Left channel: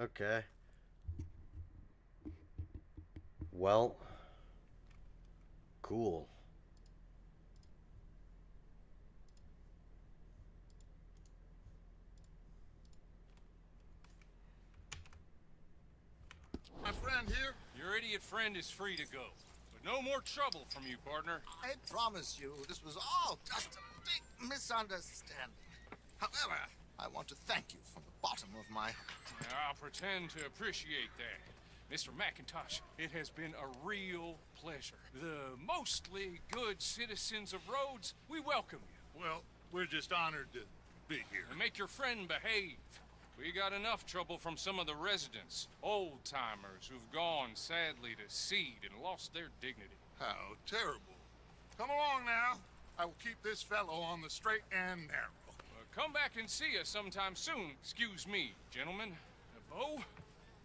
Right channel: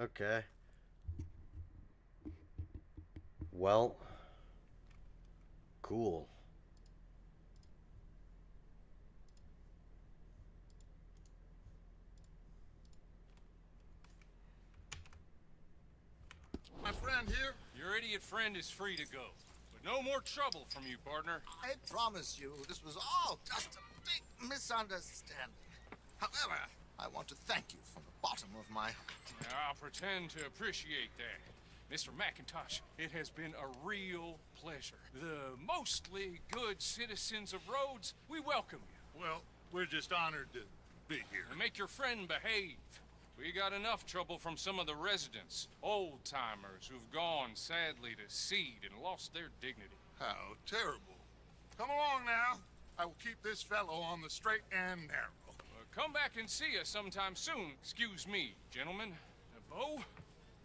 Okay. Well, cool. My friend here, Your idiot friend is free to go. But no more trouble from you, partner. I promise you this was all just a big misunderstanding. However, I want to thank you from the bottom of my heart. I'll pretend to appreciate that. Mr. McIntosh, it has been a real pleasure. The mostly good citizens of Rhodes, we welcome you. Well, we're just honored to be here. And make your friend behave. We got enough trouble from some of the residents, old-timers who've gone sadly to seed and lost their dignity. How terrible. Come along now. I will keep this fellow on the straight and narrow. Come back and see us sometime soon. Excuse me, gentlemen. Bo,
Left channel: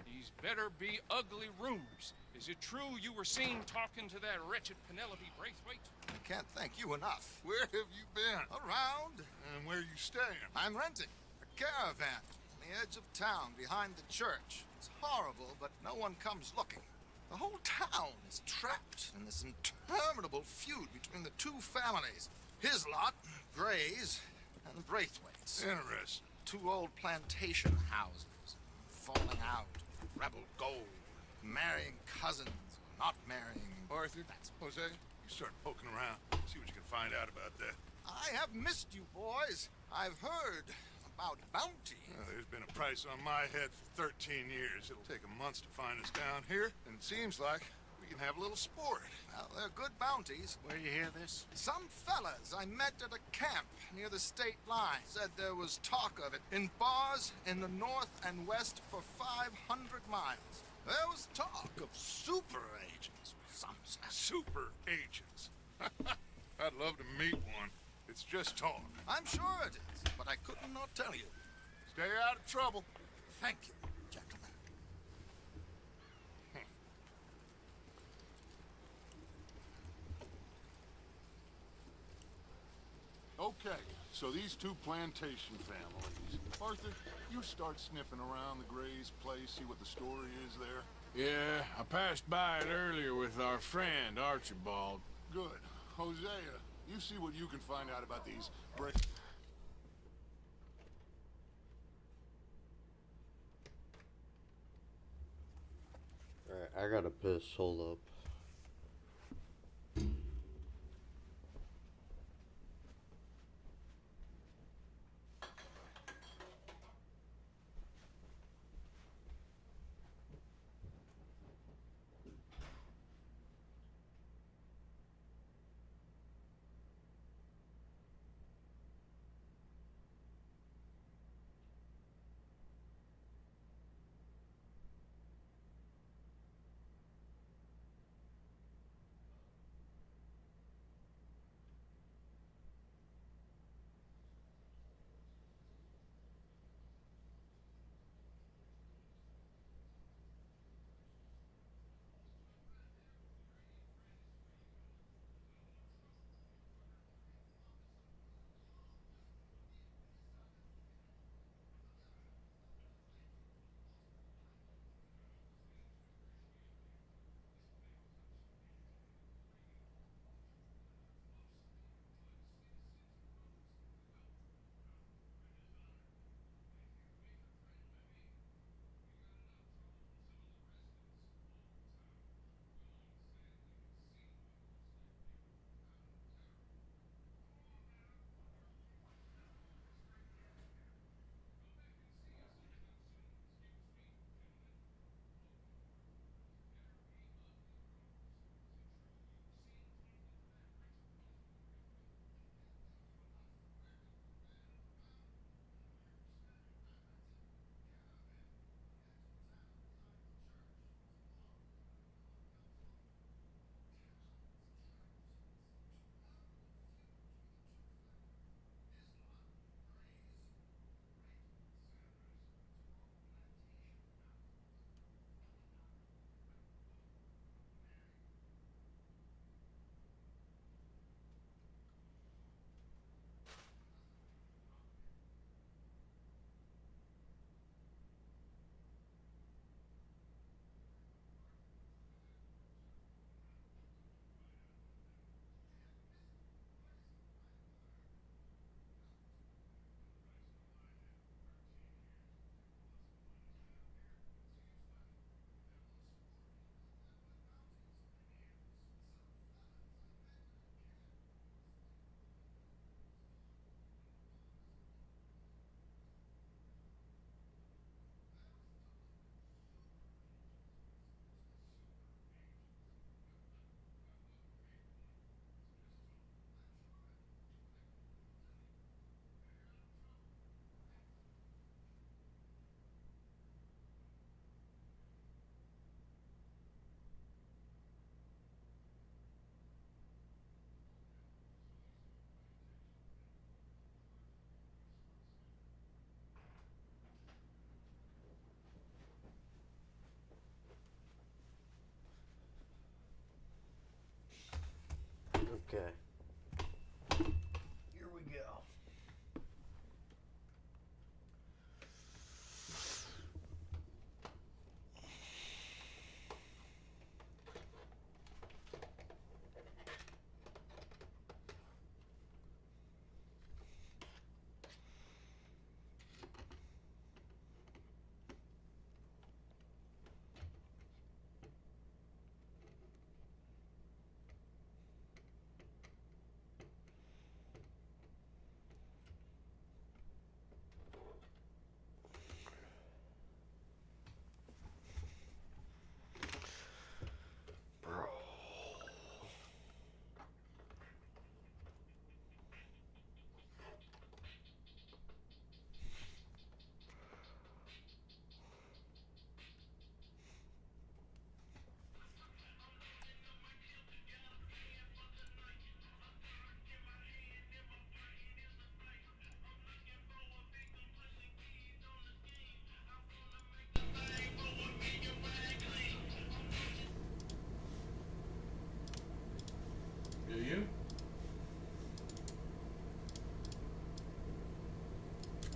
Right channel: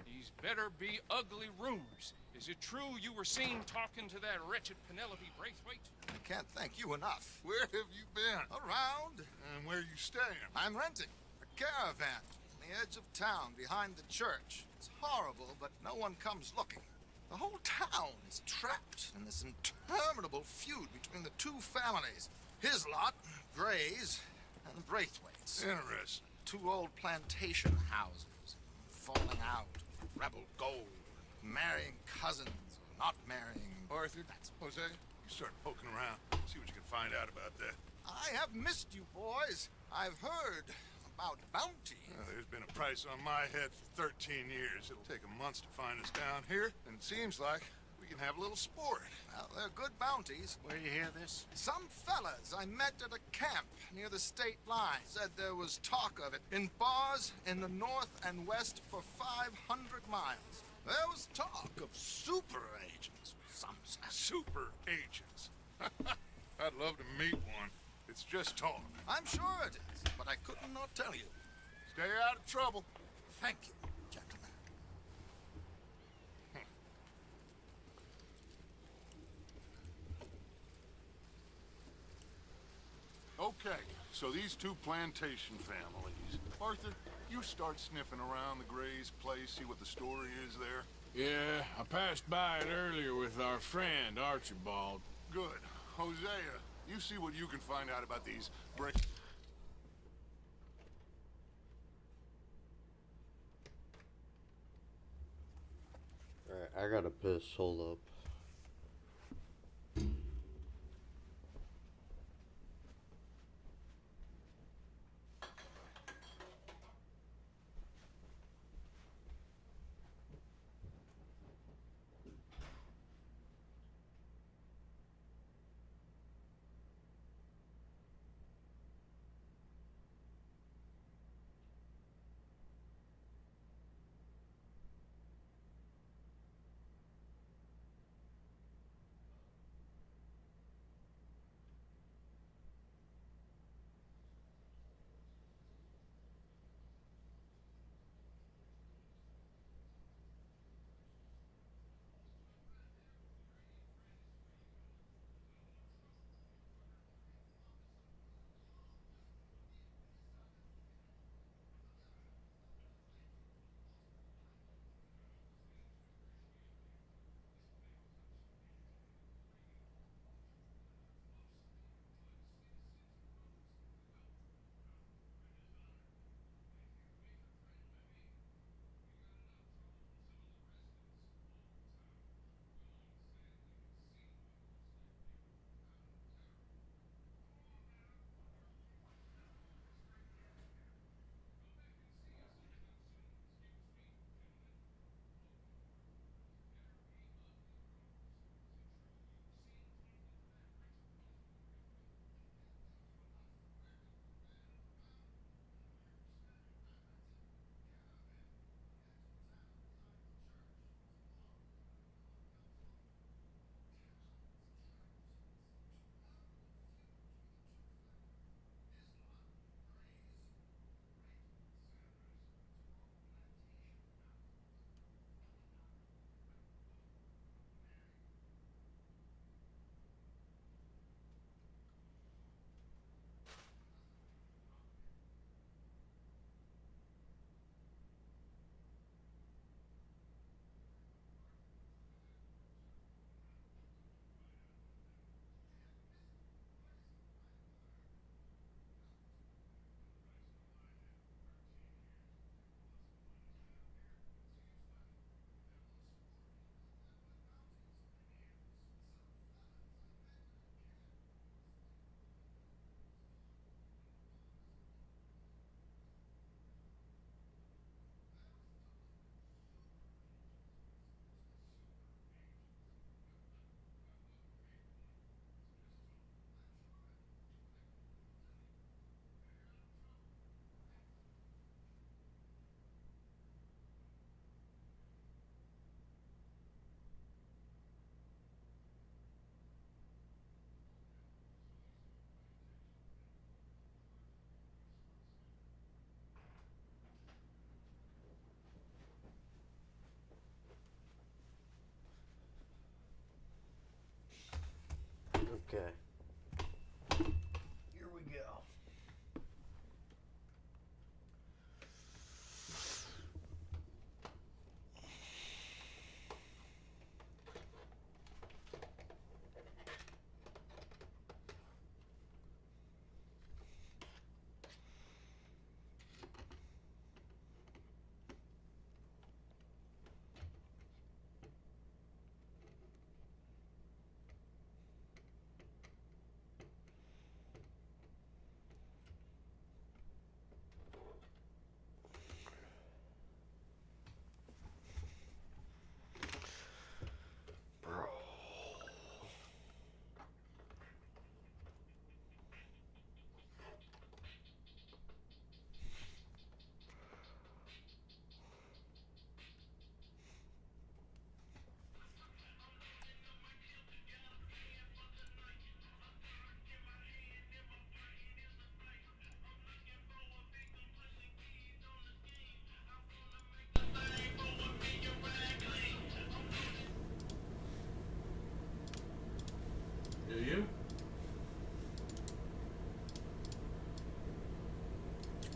these better be ugly rumors. Is it true you were seen talking to that wretched Penelope Braithwaite? I can't thank you enough. Where have you been? Around, And where you staying? I'm renting a caravan on the edge of town behind the church. It's horrible, but no one comes looking. The whole town is trapped in this interminable feud between the two families. His lot, Gray's, and the Braithwaites. Interesting. Two old plantation houses, falling out, rebel gold, marrying cousins, or not marrying. Arthur, Jose, you start poking around. See what you can find out about that. I have missed you, boys. I've heard about bounty. There's been a price on my head for 13 years. It'll take 'em months to find us down here, and it seems like we can have a little sport. Well, they're good bounties. Where you hear this? Some fellas I met at a camp near the state line said there was talk of it in bars in the north and west for 500 miles. There was talk of super agents, some said. Super agents. I'd love to meet one. It's just talk. I'm sure it is, but I could not tell you. Stay out of trouble. Thank you, gentlemen. Okay, so these two plantation families. Arthur, you start sniffing around the Gray's place, see what the story is there. Yeah, I passed by it earlier with our friend, Archibald. Good. Hosea, you see what you can find out about these Bray... Alright, I gotta piss. Hold up.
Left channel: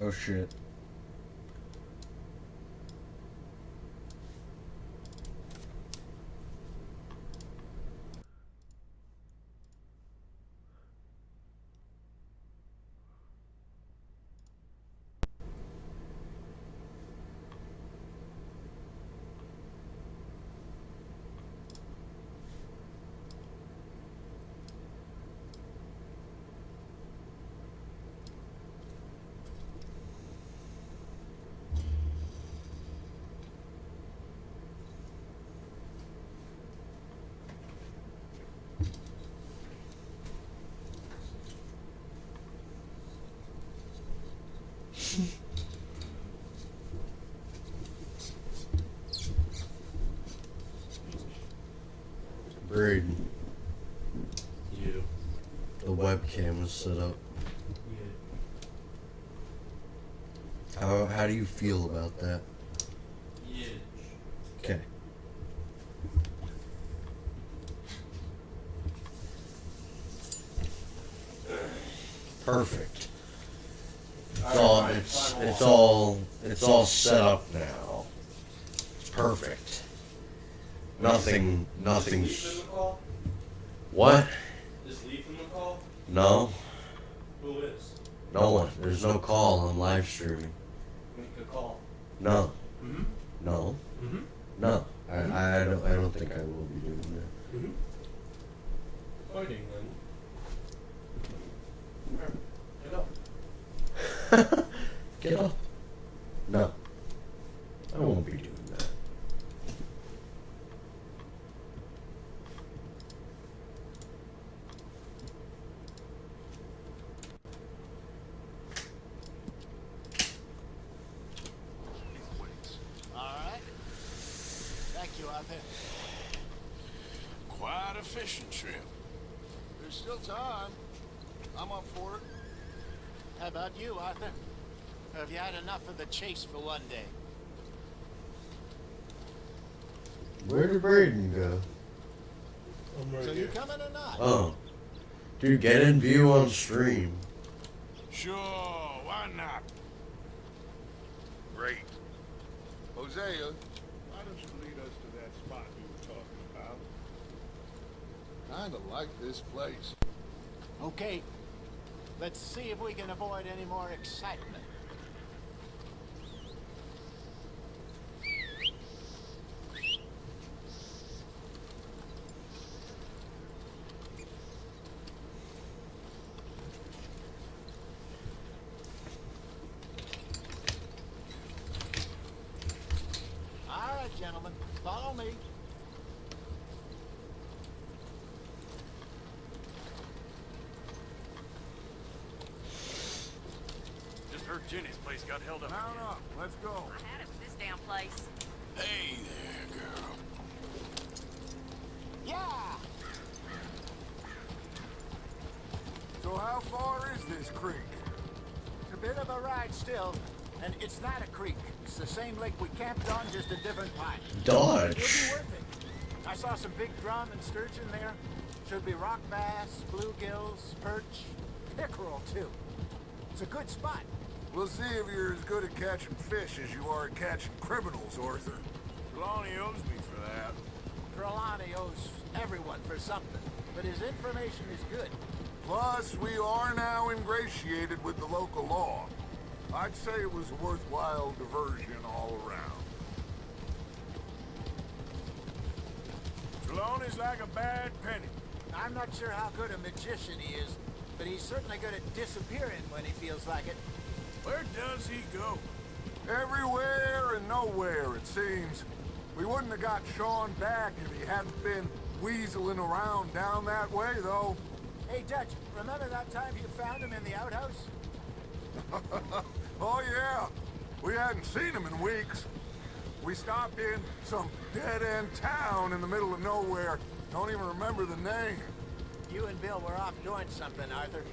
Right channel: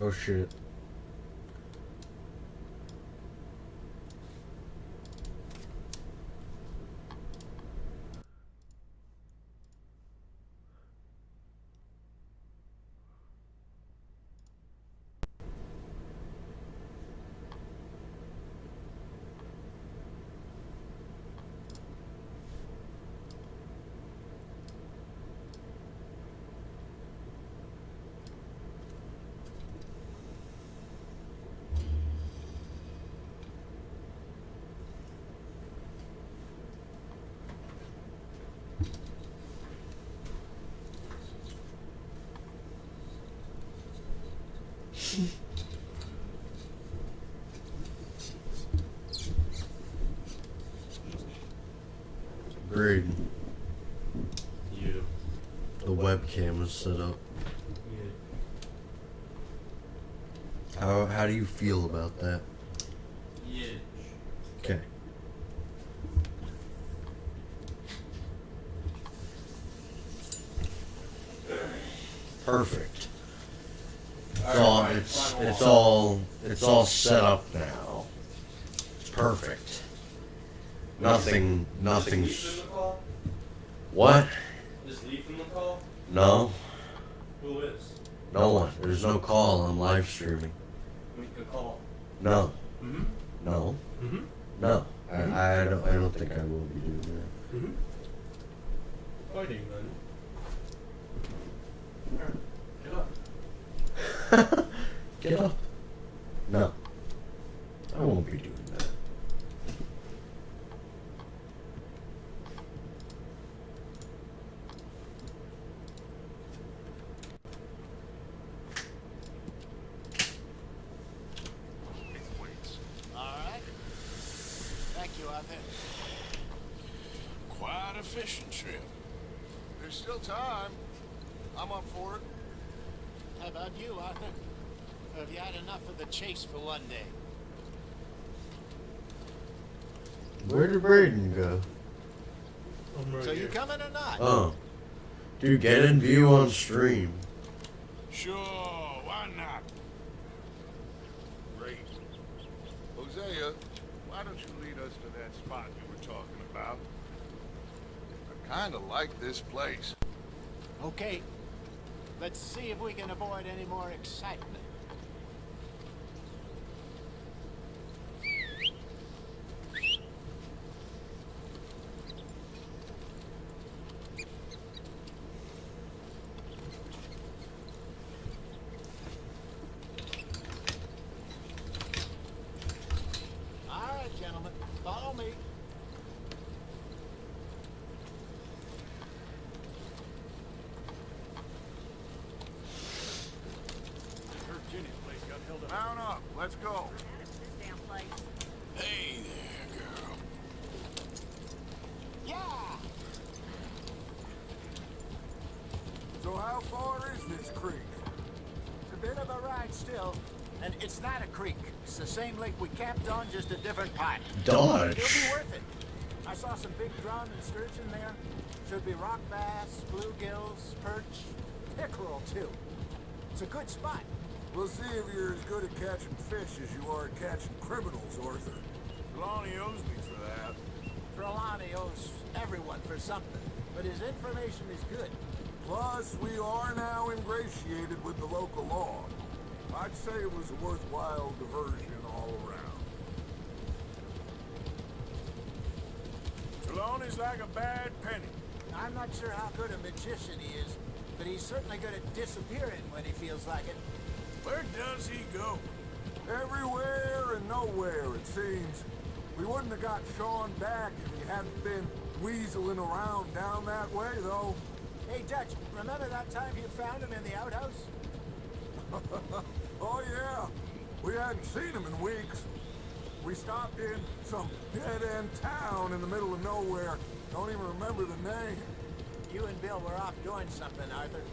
Oh shit. Braden. The webcam was set up. How do you feel about that? Okay. Perfect. It's all set up now. It's perfect. Nothing's. What? Is Lee from the call? No. Who is? No one. There's no call. I'm live streaming. Who's the call? No. No. No. I don't think I will be doing that. Fuck you, man. Alright, Get up. No. I won't be doing that. Weights. All right. Thank you, Arthur. Quite a fishing trip. There's still time. I'm up for it. How about you, Arthur? Or have you had enough of the chase for one day? Where did Braden go? So you coming or not? Oh. Dude, get in view on stream. Sure, why not? Great. Hosea, why don't you lead us to that spot you were talking about? I kind of like this place. Okay. Let's see if we can avoid any more excitement. All right, gentlemen, follow me. Just heard Jenny's place got held up. Mount up. Let's go. Had it with this damn place. Hey there, girl. Yeah! So how far is this creek? It's a bit of a ride still, and it's not a creek. It's the same lake we camped on, just a different part. Dodge. It'll be worth it. I saw some big drum and sturgeon there. Should be rock bass, bluegills, perch, pickerel too. It's a good spot. We'll see if you're as good at catching fish as you are at catching criminals, Arthur. Trelawney owes me for that. Trelawney owes everyone for something, but his information is good. Plus, we are now ingratiated with the local law. I'd say it was a worthwhile diversion all around. Trelawney's like a bad penny. I'm not sure how good a magician he is, but he's certainly good at disappearing when he feels like it. Where does he go? Everywhere and nowhere, it seems. We wouldn't have got Sean back if he hadn't been weaseling around down that way, though. Hey, Dutch, remember that time you found him in the outhouse? Oh, yeah. We hadn't seen him in weeks. We stopped in some dead-end town in the middle of nowhere. Don't even remember the name. You and Bill were off doing something, Arthur.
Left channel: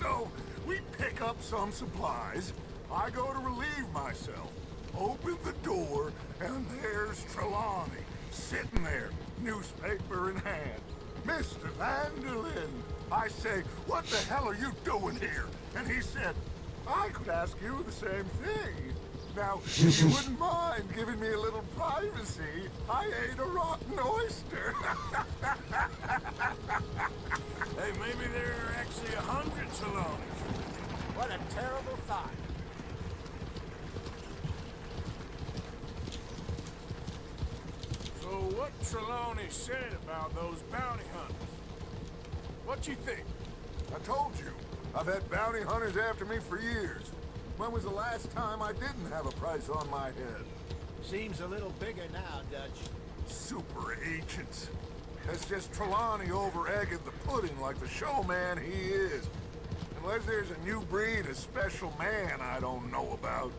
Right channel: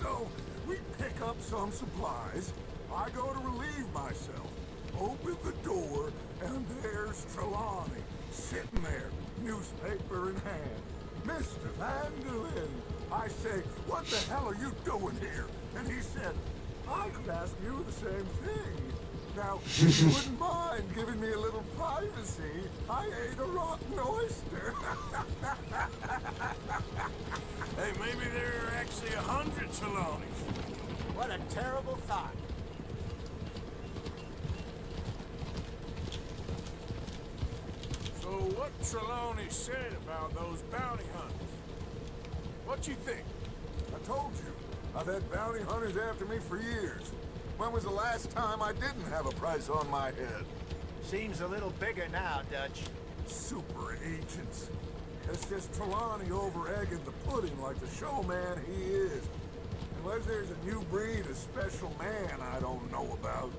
So, we pick up some supplies. I go to relieve myself. Open the door, and there's Trelawney, sitting there, newspaper in hand. Mr. Vanderlyn. I say, what the hell are you doing here? And he said, I could ask you the same thing. Now, if you wouldn't mind giving me a little privacy, I ate a rotten oyster. Hey, maybe there are actually 100 Trelawneys. What a terrible thought. So what Trelawney said about those bounty hunters? What you think? I told you, I've had bounty hunters after me for years. When was the last time I didn't have a price on my head? Seems a little bigger now, Dutch. Super agents. That's just Trelawney over-egging the pudding like the showman he is. Unless there's a new breed of special man I don't know about.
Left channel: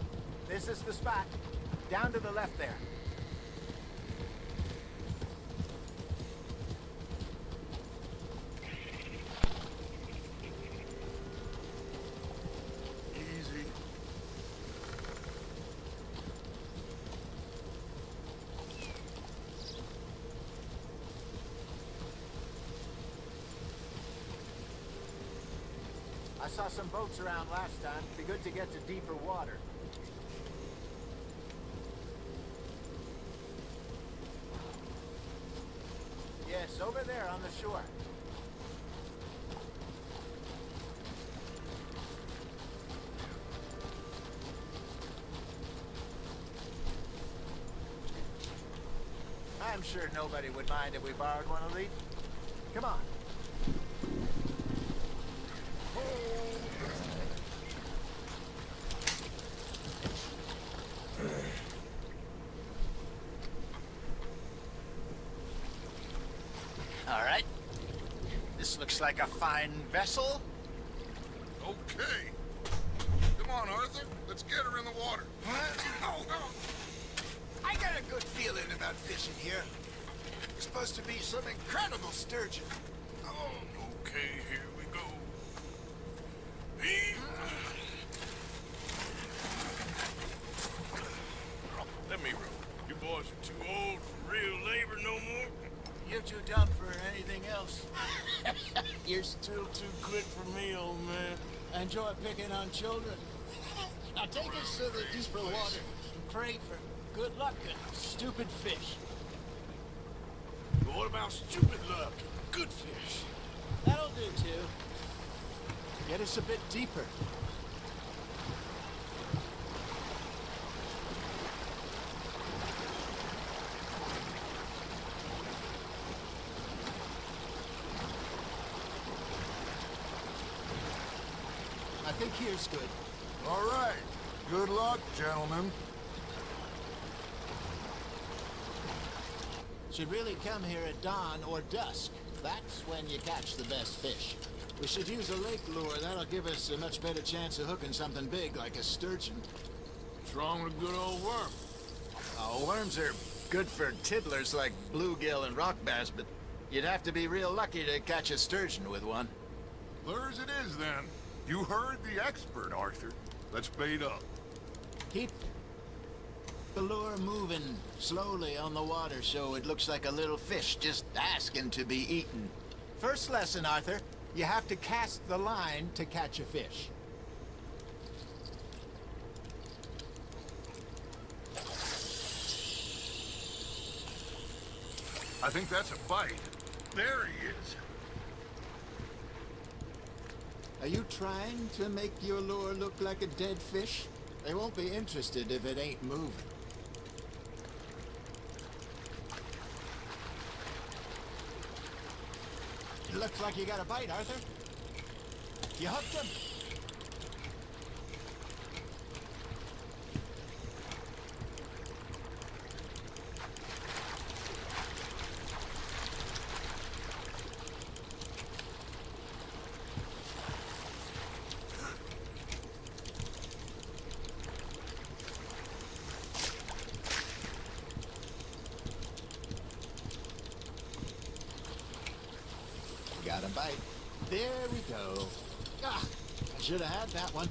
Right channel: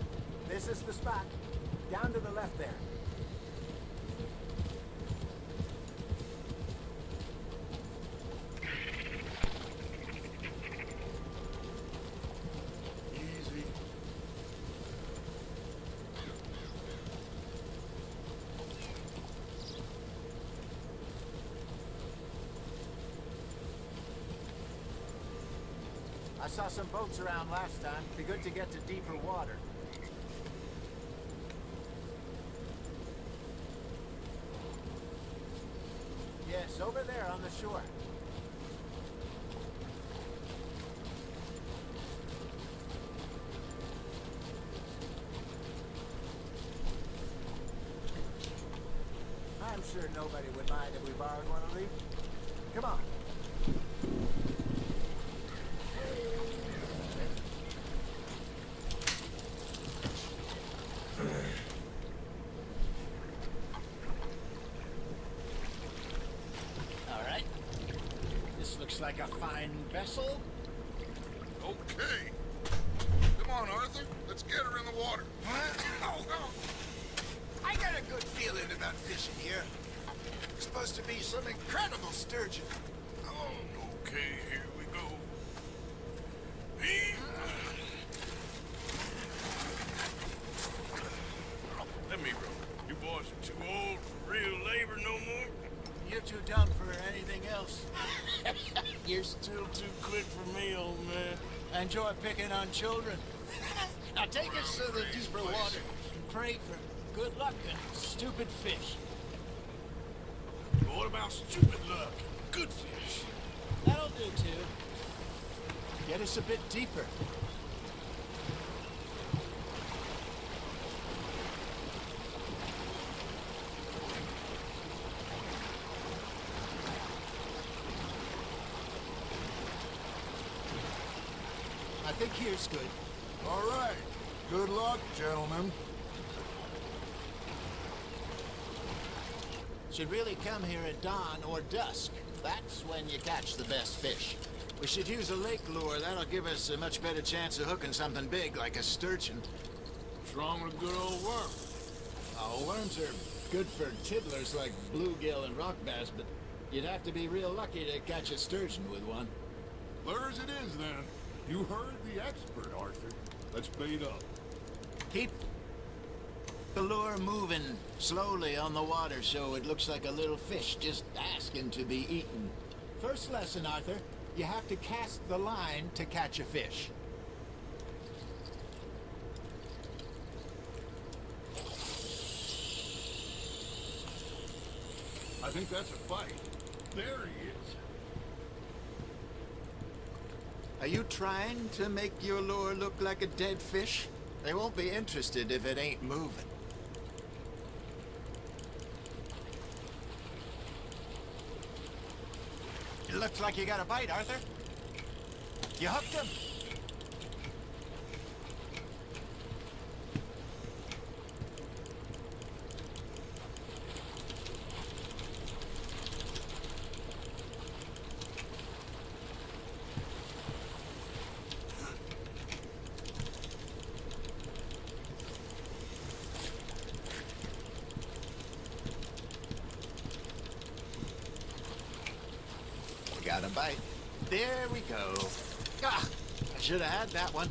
This is the spot. Down to the left there. Easy. I saw some boats around last time. Be good to get to deeper water. Yes, over there on the shore. I'm sure nobody would mind if we borrowed one of these. Come on. All right. This looks like a fine vessel. Okay. Come on, Arthur. Let's get her in the water. I got a good feeling about fishing here. It's supposed to be some incredible sturgeon. Oh, Okay, here we go. Heave. Let me row. You boys are too old for real labor no more. you're too dumb for anything else. You're still too quick for me, old man. I enjoy picking on children. Now take us to the deeper water and pray for good luck and stupid fish. But what about stupid luck and good fish? That'll do too. Get us a bit deeper. I think here's good. All right. Good luck, gentlemen. Should really come here at dawn or dusk. That's when you catch the best fish. We should use a lake lure. That'll give us a much better chance of hooking something big like a sturgeon. What's wrong with a good old worm? Oh, worms are good for tiddlers like bluegill and rock bass, but you'd have to be real lucky to catch a sturgeon with one. Lures it is, then. You heard the expert, Arthur. Let's bait up. Keep the lure moving slowly on the water so it looks like a little fish just asking to be eaten. First lesson, Arthur. You have to cast the line to catch a fish. I think that's a bite. There he is. Are you trying to make your lure look like a dead fish? They won't be interested if it ain't moving. It looks like you got a bite, Arthur. You hooked him. Got a bite. There we go. Ah, I should have had that one.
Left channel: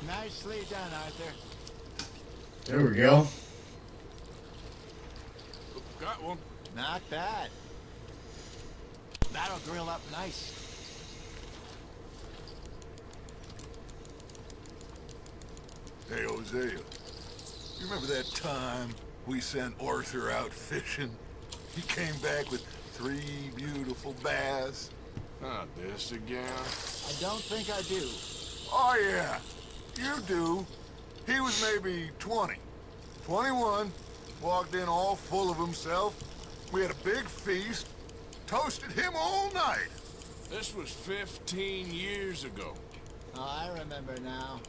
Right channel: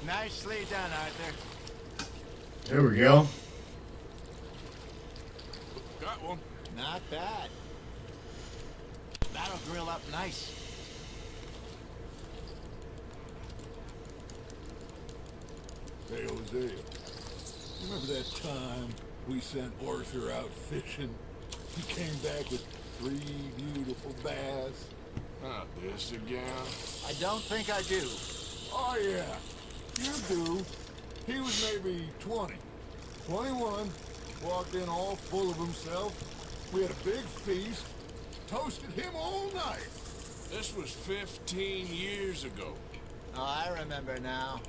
Nicely done, Arthur. There we go. Got one. Not bad. That'll grill up nice. Hey, Hosea. You remember that time we sent Arthur out fishing? He came back with 3 beautiful bass. Not this again. I don't think I do. Oh, yeah. You do. He was maybe 20. 21. Walked in all full of himself. We had a big feast. Toasted him all night. This was 15 years ago. Oh, I remember now.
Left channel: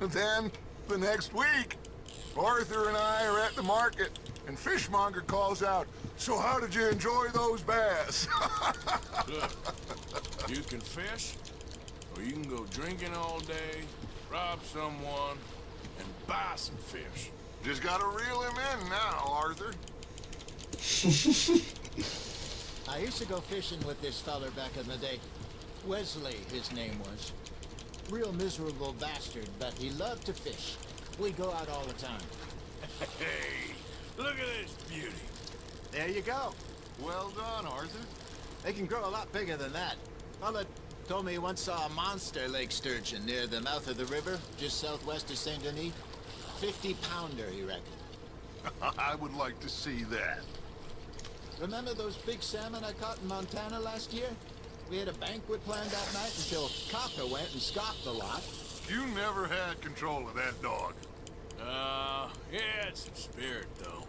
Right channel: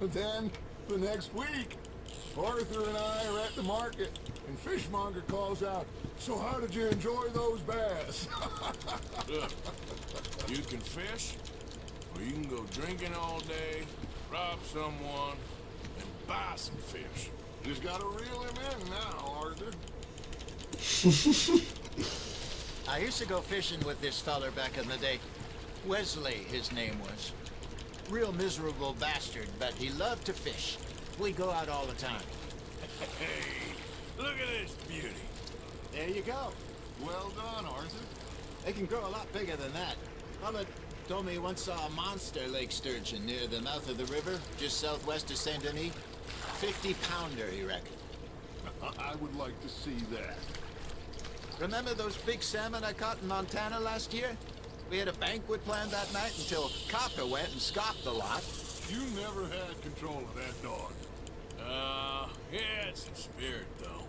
Then, the next week, Arthur and I are at the market, and Fishmonger calls out, "So how did you enjoy those bass?" Look, you can fish, or you can go drinking all day, rob someone, and buy some fish. Just gotta reel him in now, Arthur. I used to go fishing with this feller back in the day. Wesley, his name was. Real miserable bastard, but he loved to fish. We go out all the time. Hey, look at this beauty. There you go. Well done, Arthur. They can grow a lot bigger than that. Fella told me he once saw a monster lake sturgeon near the mouth of the river, just southwest of Saint Denis. 50-pounder, he reckoned. I would like to see that. Remember those big salmon I caught in Montana last year? We had a banquet planned that night until Copper went and scoffed a lot. You never had control of that dog. He had some spirit, though.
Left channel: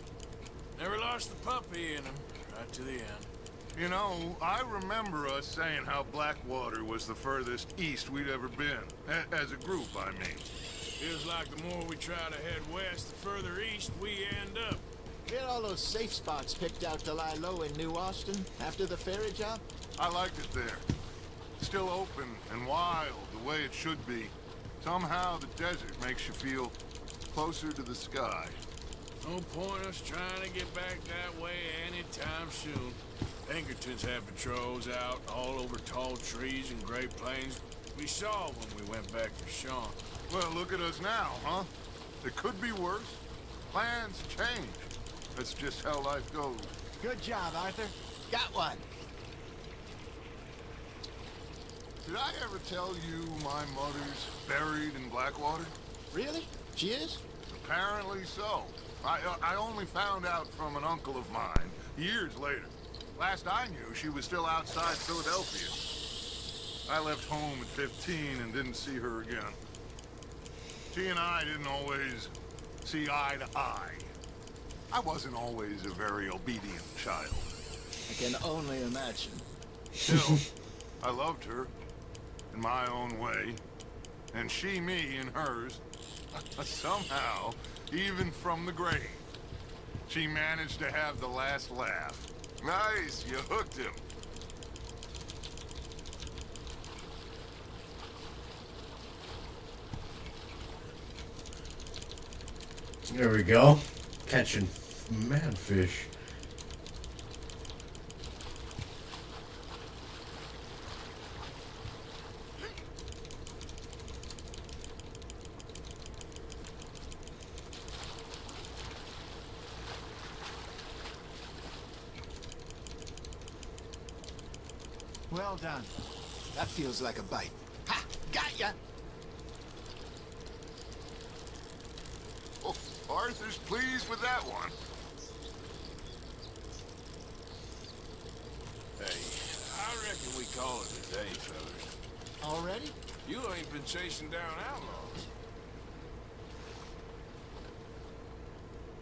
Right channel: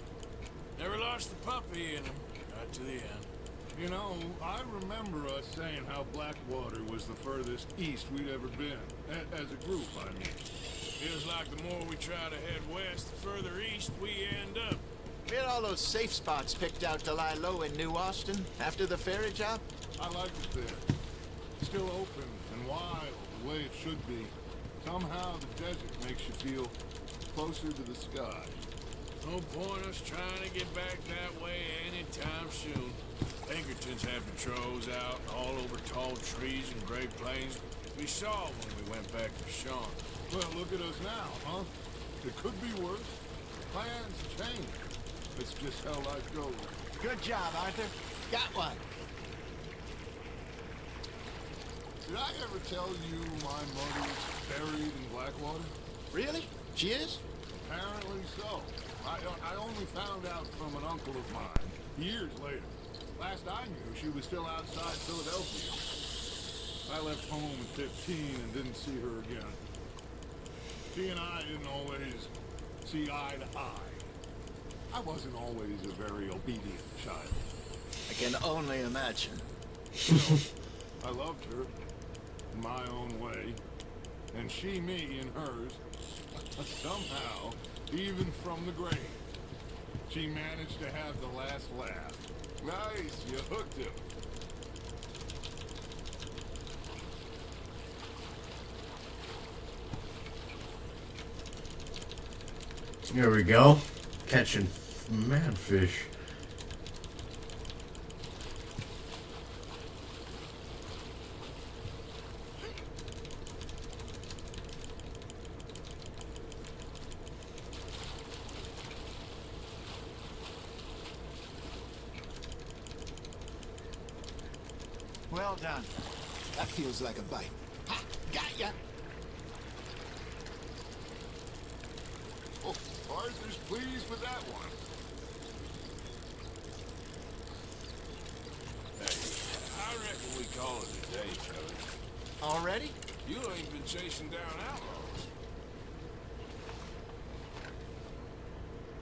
Never lost the puppy in him, right to the end. You know, I remember us saying how Blackwater was the furthest east we'd ever been. As a group, I mean. Feels like the more we try to head west, the further east we end up. We had all those safe spots picked out to lie low in New Austin after the ferry job. I liked it there. Still open and wild, the way it should be. Somehow the desert makes you feel closer to the sky. No point us trying to get back that way anytime soon. Pinkertons had patrols out all over tall trees and Great Plains. We saw when we went back for Sean. Well, look at us now, huh? It could be worse. Plans change. That's just how life goes. Good job, Arthur. Got one. Did I ever tell you my mother's buried in Blackwater? Really? She is? Apparently so. I only found out from an uncle of mine years later. Last I knew, she was still outside Philadelphia. I left home at 15 and didn't see her again. She and I didn't always see eye to eye. I wasn't always a very obedient child. I can only imagine. Still, I loved her in my own way, and she me in hers. Somehow, even from the grave, she managed to have the last laugh. Nice, you hooked him. There we go. Catching mad fish. Well done. That feels like a bite. Ha! Got ya! Oh, Arthur's pleased with that one. Hey, I reckon we call it a day, fellas. Already? You ain't been chasing down outlaws.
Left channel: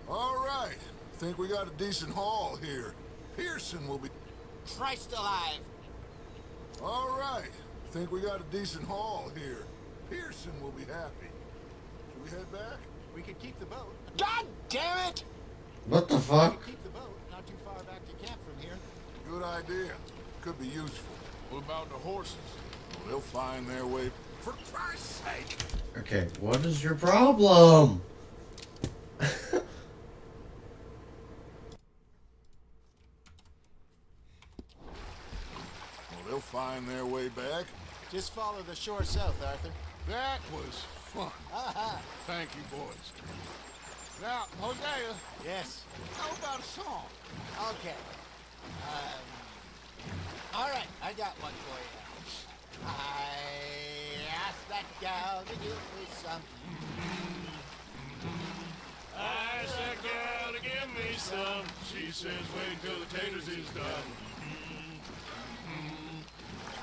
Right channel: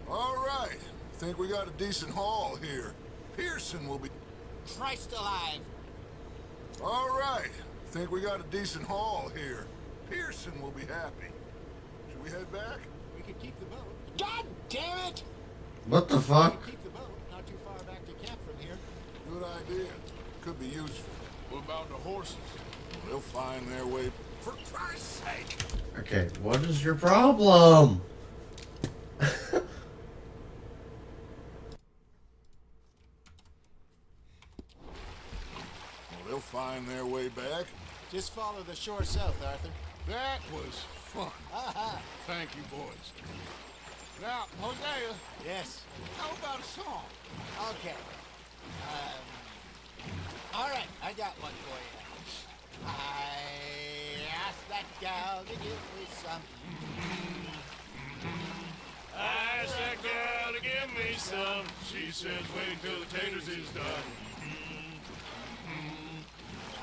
All right. Think we got a decent haul here. Pearson will be... Christ alive! All right. Think we got a decent haul here. Pearson will be happy. Should we head back? We could keep the boat. God damn it! What the We fuck? could keep the boat not too far back to camp from here. Good idea. Could be useful. What about the horses? Well, they'll find their way. For Christ's sake! Okay, what is your problem? Well, they'll find their way back. Just follow the shore south, Arthur. That was fun. Thank you, boys. Now, Hosea, Yes. how about a song? Okay. All right, I got one for you. I asked that gal to give me some. I asked that gal to give me some. She says wait till the taters is done.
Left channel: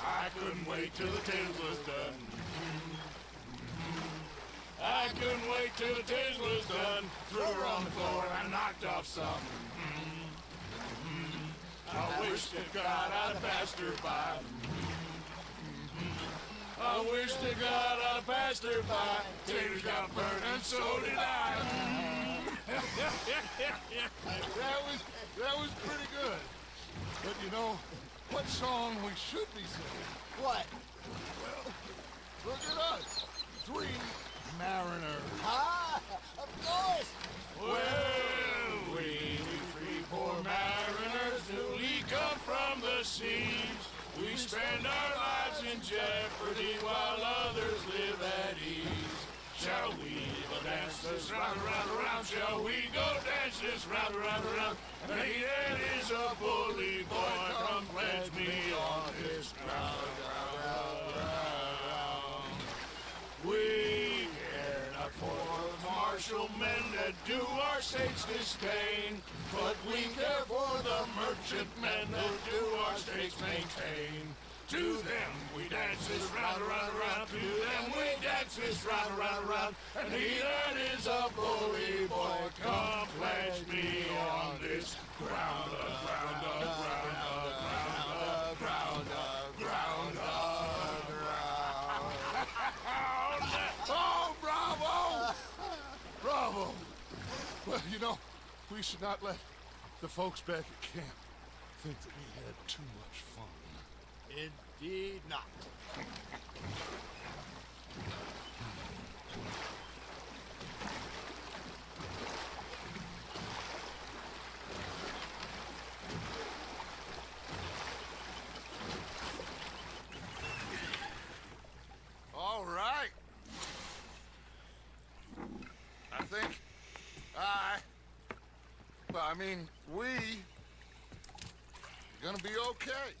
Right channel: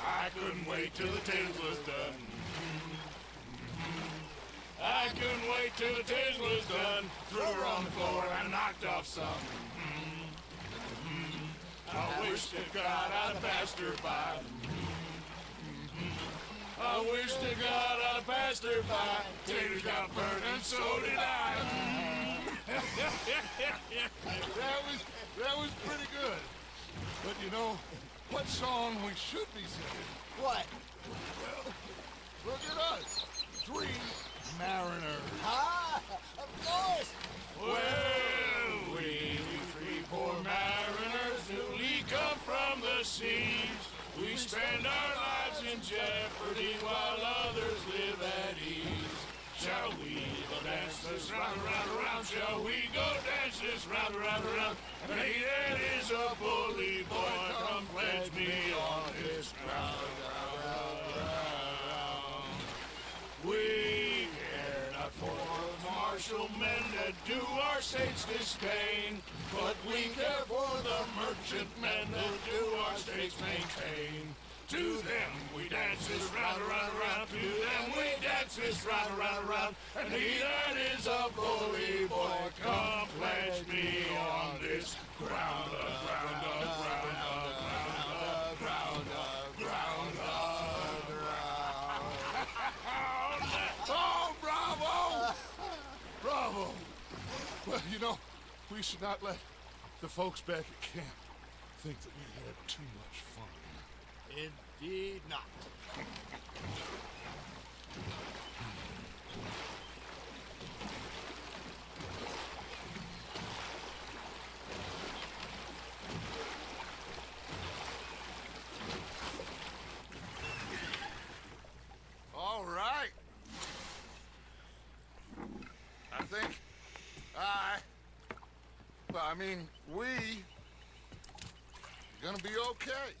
I couldn't wait till the taters was done. I couldn't wait till the taters was done. Threw her on the floor and knocked off some. I wish to God I'd have passed her by. I wish to God I'd have passed her by. Taters got burned and so did I. That was pretty good. But you know, what song we should be singing? What? Well, look at us. 3 mariners. Ah, of course. Well, we three poor mariners newly come from the seas. We spend our lives in jeopardy while others live at ease. Shall we go dance this round, round, round? Shall we go dance this round, round, round? And he that is a bully boy, come pledge me on his ground, ground, ground. We care not for the martial men that do our state's disdain, but we care for the merchant men that do our state's maintain. To them we dance this round, round, round. To them we dance this round, round, round. And he that is a bully boy, come pledge me on this ground, ground, ground, ground, ground, ground, ground. Oh, bravo! Bravo! Well, you know, we should not let the folks back at camp think that we had too much fun. Indeed not. All right. I think we gonna be okay.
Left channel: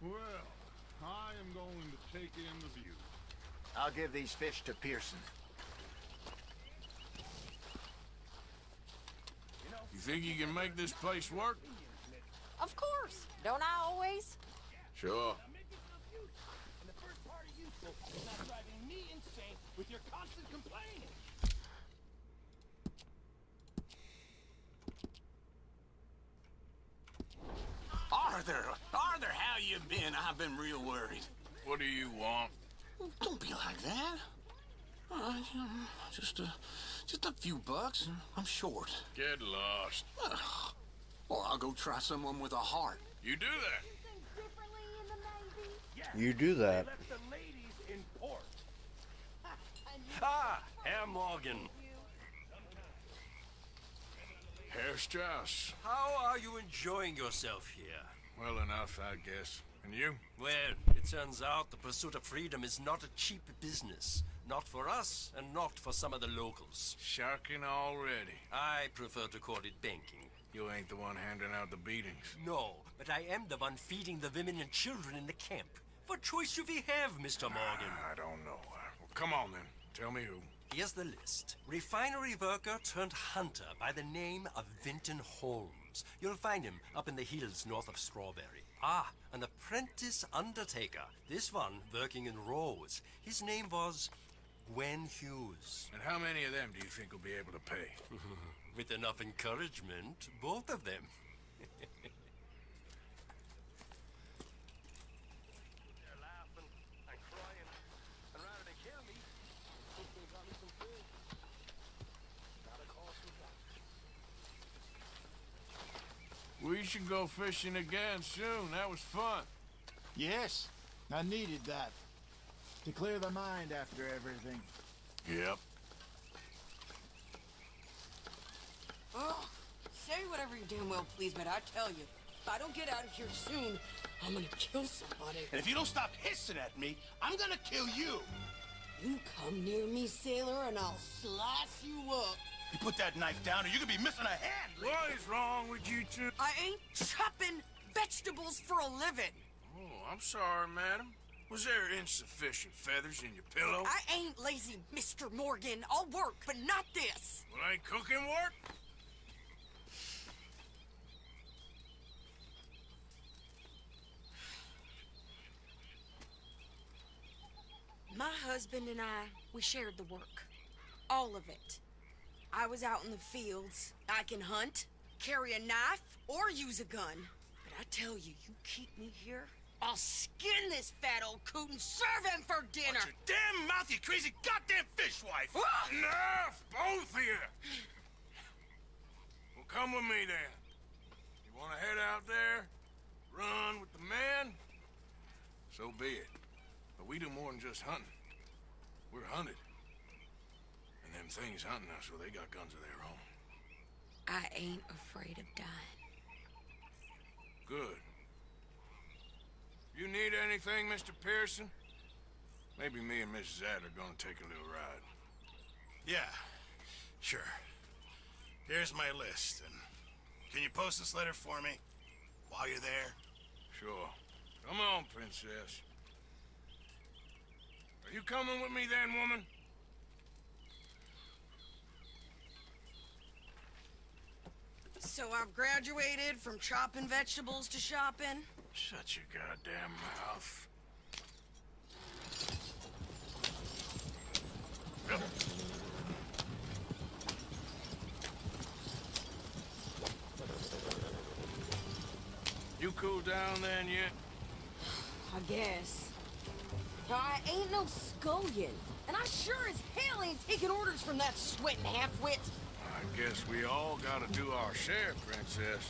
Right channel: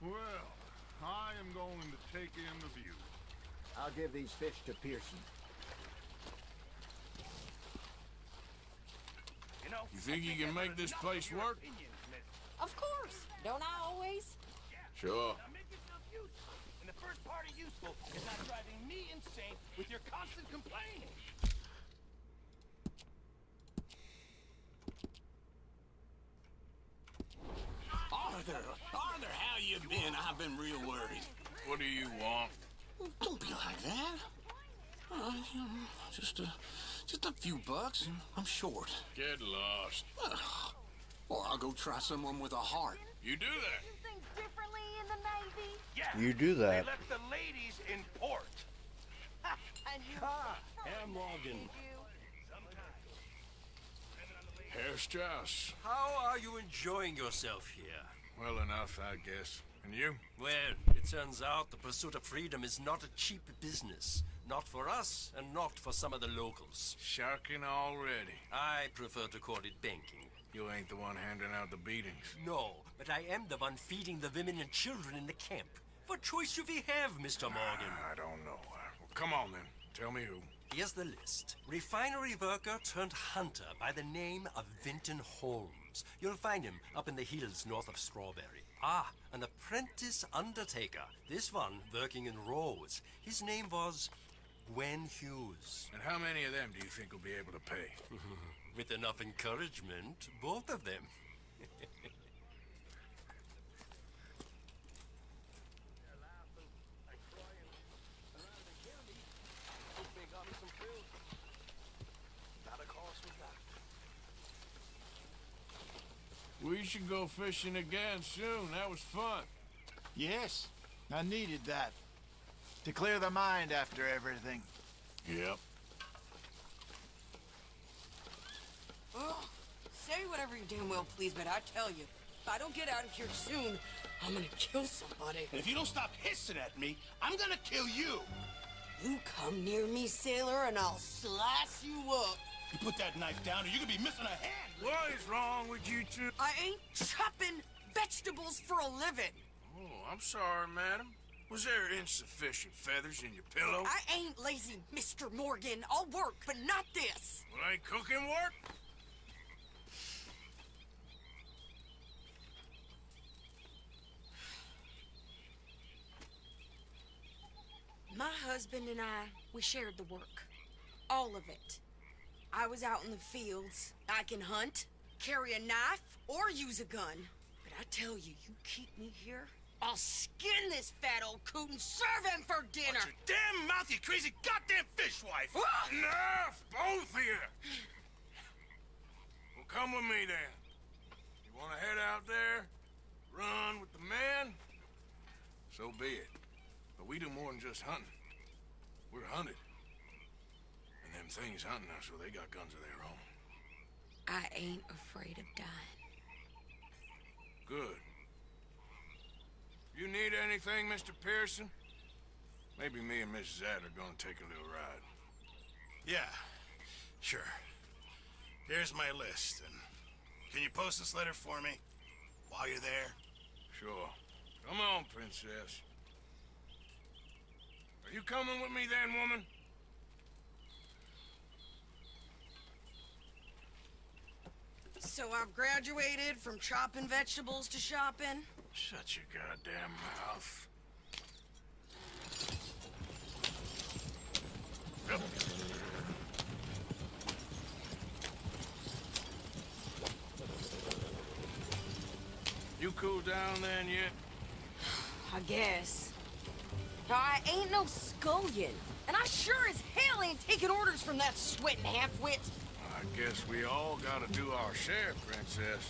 Well, I am going to take in the view. I'll give these fish to Pearson. You think you can make this place work? Of course. Don't I always? Sure. Make yourself useful. And the first part of useful is not driving me insane with your constant complaining. Arthur, how you been? I've been real worried. What do you want? Don't be like that. Just a few bucks, and I'm short. Get lost. Well, I'll go try someone with a heart. You do that. Think differently in the Navy? Yeah. You do that. They left the ladies in port. And you Herr Morgan. Herr Strauss. How are you enjoying yourself here? Well enough, I guess. And you? Well, it turns out the pursuit of freedom is not a cheap business. Not for us, and not for some of the locals. Sharking already. I prefer to call it banking. You ain't the one handing out the beatings. No, but I am the one feeding the women and children in the camp. What choice do we have, Mr. Morgan? I don't know. Well, come on then. Tell me who. Here's the list. Refinery worker turned hunter by the name of Vinton Holmes. You'll find him up in the hills north of Strawberry. Ah, an apprentice undertaker. This one working in Rose. His name was Gwen Hughes. And how many of them do you think will be able to pay? With enough encouragement, both of them. We should go fishing again soon. That was fun. Yes, I needed that. To clear the mind after everything. Yep. Oh, say whatever you damn well please, but I tell you, if I don't get out of here soon, I'm gonna kill somebody. And if you don't stop hissing at me, I'm gonna kill you. You come near me, sailor, and I'll slice you up. You put that knife down or you're gonna be missing a hand. What is wrong with you two? I ain't chopping vegetables for a living. Oh, I'm sorry, madam. Was there insufficient feathers in your pillow? I ain't lazy, Mr. Morgan. I'll work, but not this. Well, ain't cooking work? My husband and I, we shared the work. All of it. I was out in the fields. I can hunt, carry a knife, or use a gun. But I tell you, you keep me here, I'll skin this fat old coot and serve him for dinner. Watch your damn mouth, you crazy goddamn fishwife! Enough, both of you! Well, come with me then. You want to head out there, run with the man? So be it. But we do more than just hunting. We're hunted. And them things hunting us, well, they got guns of their own. I ain't afraid of dying. Good. You need anything, Mr. Pearson? Maybe me and Mrs. Adler are gonna take a little ride. Yeah, sure. Here's my list, and can you post this letter for me while you're there? Sure. Come on, princess. Are you coming with me then, woman? So I've graduated from chopping vegetables to shopping. Shut your goddamn mouth. Yep. You cool down then yet? I guess. I ain't no scullion, and I sure as hell ain't taking orders from that sweating half-wit. I guess we all gotta do our share, princess.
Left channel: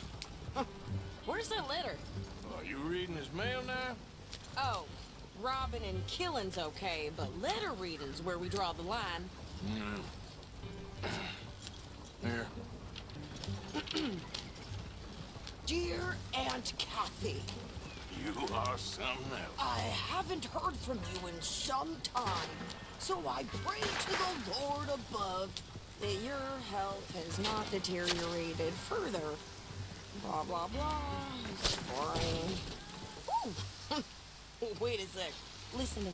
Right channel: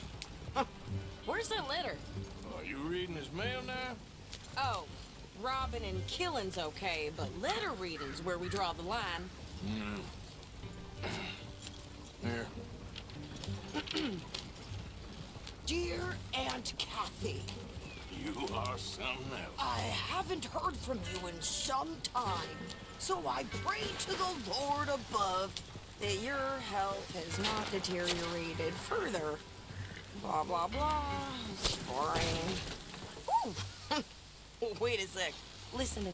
Where's that letter? Are you reading his mail now? Oh, robbing and killing's okay, but letter reading's where we draw the line. Here. Dear Aunt Kathy, You are something else. I haven't heard from you in some time, so I pray to the Lord above that your health has not deteriorated further. Blah, blah, blah. It's boring. Ooh! Wait a sec. Listen to...